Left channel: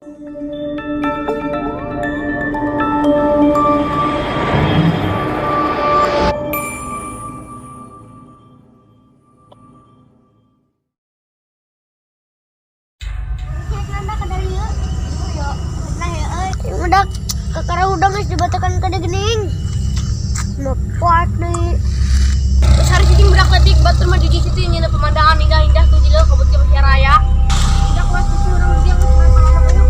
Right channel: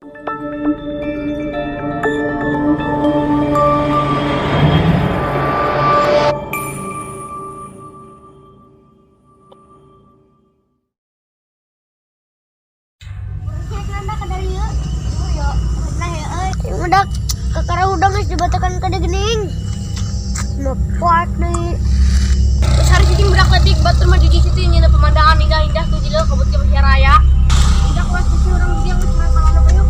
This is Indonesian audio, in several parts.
Udah kakara udang guys dibatakan kada gening. Lepat nih. Hari ini budak letik batur maju di situ ini pemandangan indah-indah tuh jilo kabut ke Masya Raya. Udah kelas sisi orang dia cuma salah apa yuk.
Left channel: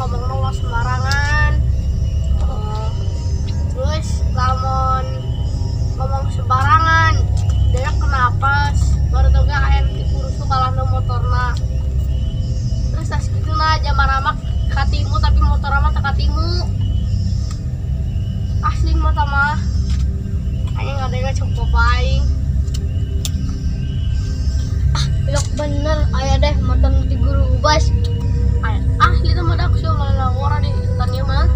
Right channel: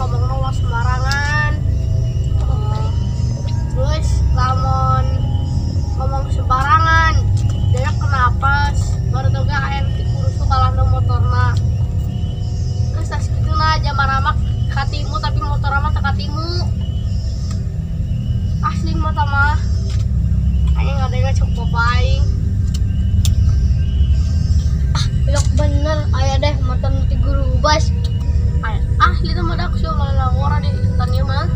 Ngomong sembarangan. Terus lamon ngomong sembarangan dia kenapa baru tau gak kayak kurusu kalah no motorna. Terus tas gitu nah zaman amak katimu tapi motor amat katimu asli mata mah hanya nggak ada yang cukup paling Belok bener ayah deh motor nanti guru ubas. ahli tuh madak sih malah orang di tanya mah.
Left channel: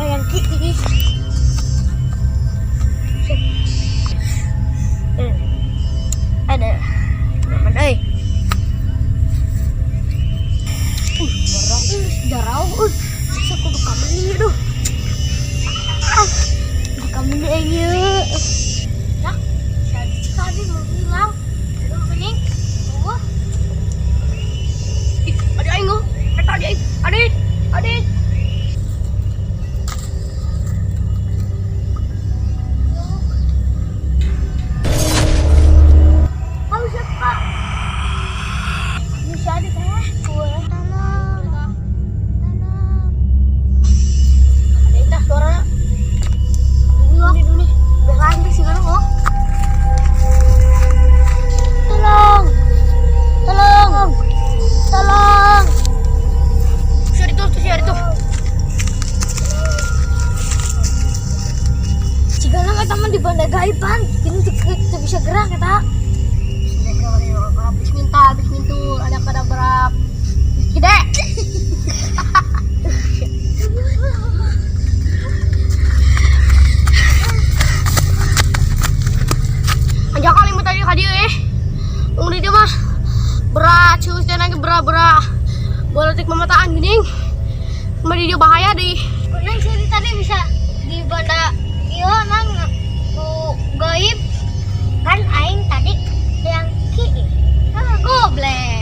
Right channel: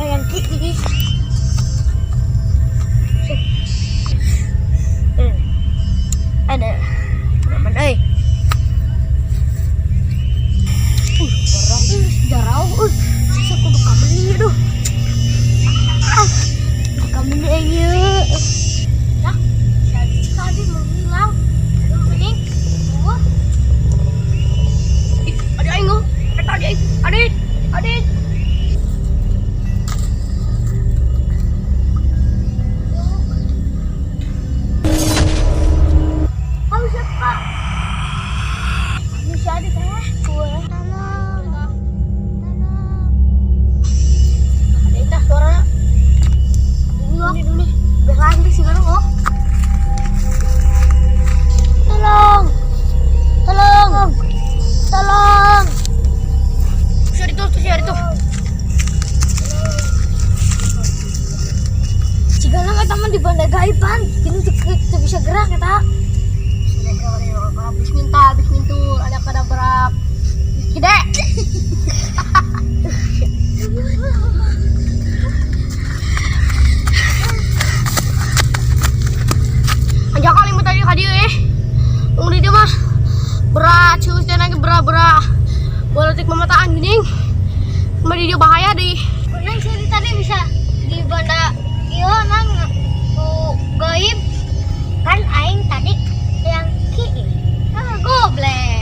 Yang kiri. Ada teman darah bisa kudu kameni aduh. Kameni aja. Ya, tadi mau hilang. Belum pening. Wah. Ada aing oh. Tadi aing. Adik. Bisa di teh. Tolong. Ada indah suara. Dulu nih. Biar lantai sih kan oh. Tolong. Siar itu. Jika nang eta mah di banda gaiban, kini teu bisa gerak eta. Habis mintu ada kada berap. Gede. Aja kali mau tadi kadieu Ung di dia mah berat cuy lagi berat. Boleh memataan gini. Mari dia bahaya deh. Nang sih tadi bisa di banda ieu nang gaib kan aing tadi yang ki. Goblek.